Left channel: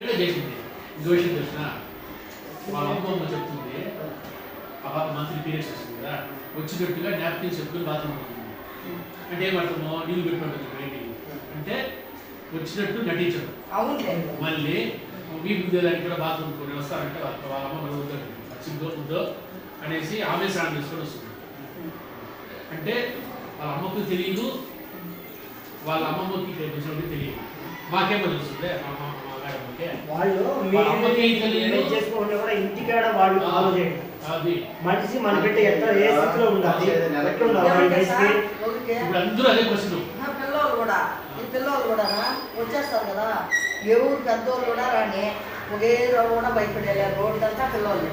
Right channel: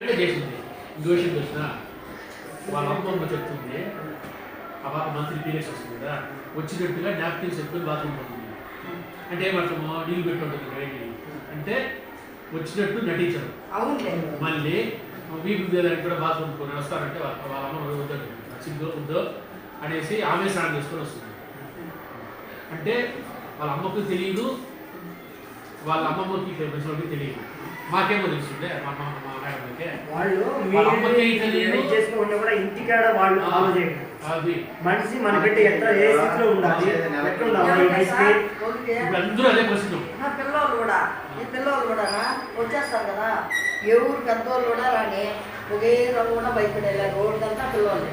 చేసింది ఇంకో విషయం తెలిసిన వాళ్ళ అమ్మ చెప్తుంది ఆ పాప మంత్లీ పీరియడ్స్ వస్తుంది కదా వచ్చినట్టుగా నాప్కిన్స్ చెప్తుని బాత్రూమ్ పోతుంది అంటే ఏమర్థము నీళ్ళు పెట్టుకుంటుంది బయటికి అంటే వచ్చినట్టు నటించడం మళ్ళీ వీపు దానికి కూడా బాత్రూమ్ కొని వస్తారంటే వాళ్ళ అమ్మ వద్దండి వచ్చిందో వద్దో అనేసి ఆమె స్నానం చేసుకొని వస్తుంది అంటే వాళ్ళ అమ్మకు తెలియదు వాళ్ళ అమ్మమ్మకి వచ్చినప్పుడు తెలియదు మాకేమో తెలుస్తుంది మా మేడంకే కూడా ఇంటికాడ వాళ్ళు ఫాలో చేయండి అది మనిషి మన బిడ్డ ఎంత ఏ స్థితిలో ఉండాలి ఇప్పుడు అందరూ అదే క్వశ్చన్ పిల్లలు కూడా వచ్చేస్తారు కదా ఎవరు పెద్దోళ్ళు కూడా రాని ఒకే కూడా భయపడేలా రోడ్డంతా పిల్లలు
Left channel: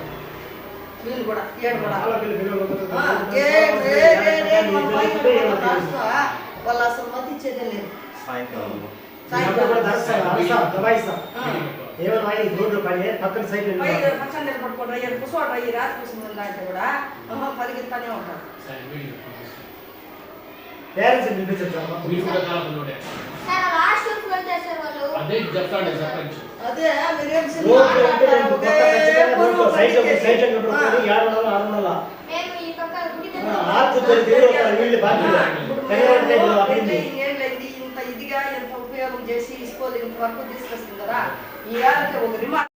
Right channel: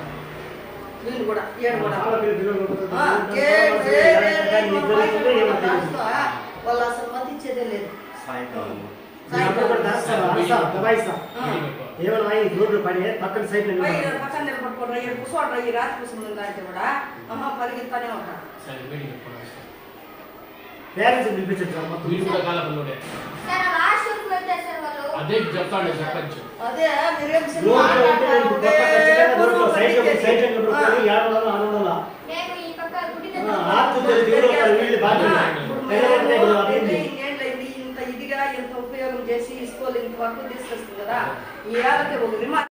వీళ్ళు కూడా ఏడు కూడా వాళ్ళు అసలు మధ్య ఇచ్చేదే లేదు రోడ్లు పడి పక్కన సైడ్ పక్కన నిలబడుకుంటారు ఏడు కూర్చోంటారు ఈ రాత్రి కూర్చుంది దాంట్లో కూడా అమ్మ పరిగెత్తానే ఉంటారు పేరెంట్స్ పిలిపించారు అదే చెప్తాడు సర్పంచ్ అదే ఇంత ఇదిగా ఎంత ఉపయోగం చేసి స్కూల్ ఇంత వరకు తీసుకొస్తుంది కదా ఈ ఏళ్ళకి ఒక రిమార్క్